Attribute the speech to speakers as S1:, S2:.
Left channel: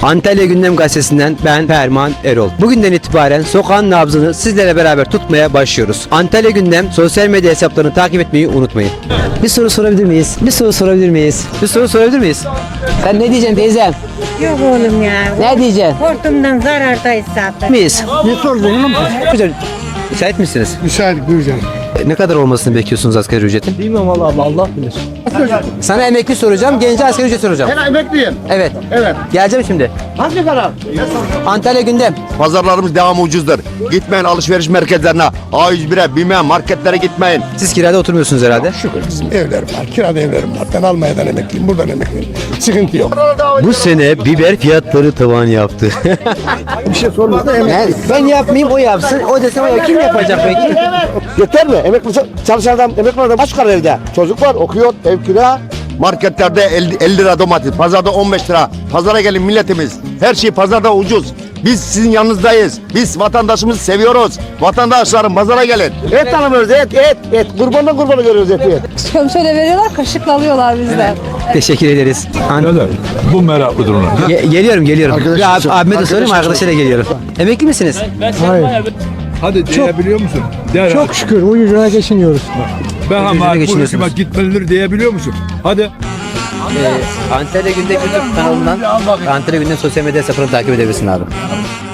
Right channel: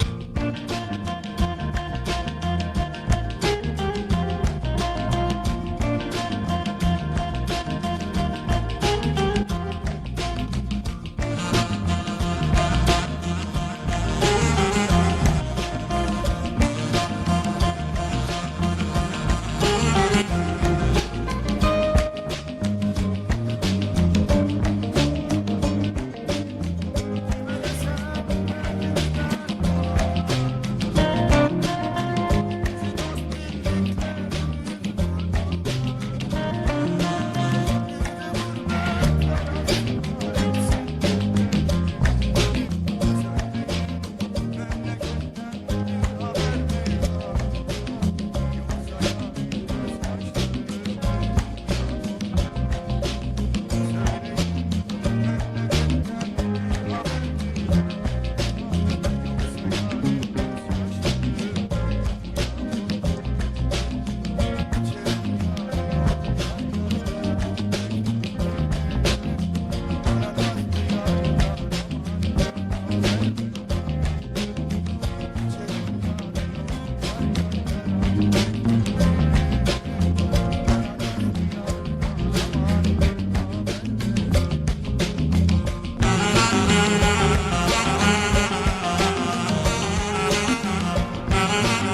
S1: Antalya Gündem Gazetesi'nden ben Ferman Erol. Bugünden itibaren sokağın nabzını sizlerle beraber tutmaya başlıyoruz. Antalya Gündem sosyal medya hesaplarını takip etmeyi unutmayın. Bir soru sorabilir miyiz? Bir soru sorabilir miyiz? Bir soru sorabilir miyiz? Sen ne diyeceksin teyzem?
S2: Yok oğlum ya.
S1: Ne diyeceksin?
S2: Hortumdan zarardayız zaten.
S1: Miyiz?
S3: Ne sordun?
S1: Güzel. Müsait misiniz?
S3: Müsait buyurun.
S1: Ne kadar olmasını bekliyorsunuz asgari ücretin?
S3: Bilmem vallahi Allah bilir.
S1: Sana emekli soracağım, gence asgari ücret soracağım.
S3: Ben emekliyim.
S1: Evet.
S3: Evet.
S1: Geleceğim şimdi.
S3: Hangi taraf?
S1: Antalya Gündem.
S4: Pazarlarımız devam ucuzdur. Gitmeyin alışveriş merkezlerine, A101'e, BİM'e, marketlere gitmeyin.
S1: Siz kirada oturmuyorsunuz herhalde.
S3: Evlerim var. Kirada evlerim var. Ben Almanya'dan emekliyim. Buradan emekliyim. Sıkıntı yok.
S1: Bu sene biber fiyatları tavan yaptı.
S3: Bir şey sormadı emekli.
S1: Ben yapmayayım, o yapsın. O desem o kim yapacak peki?
S3: Yeter mi? Emekli çalışan adam, emekli adam kaç kadar evde? Çocuk var, okuyor, ev kira.
S4: Marketlerde 50 lira domates, pazarda 15 lira. Pazara gelin milletimiz. Her şey pazarda ucuz. Biz sizin yanınızdayız. Biz vatandaşımızı seviyoruz. Vatandaşlarım pazara gelin.
S3: Et tanımıyoruz, et. Kurbandan kurbanı görüyoruz eti.
S5: Şöyle veriyorlar, kaşıkla alıyorlar bizden.
S1: Teşekkür ederiz.
S6: Bu meraklıdır ona.
S1: Geliyorum. Ya abime de sorayım, arkadaşıyla geliyorum. Emekli misiniz?
S6: Hadi diyebiliyor musun? De ya.
S3: Çok şükür ucuzuna geçiniyoruz.
S6: Ben ama
S1: ucuzuna
S6: bu
S1: geçiniyorsunuz.
S6: hükümet gitmelidir diyebiliyor musun? Hadi.
S1: Antalya Gündem kanalından Antalya Gündem sosyal medya hesaplarını takip edebilirsin abi.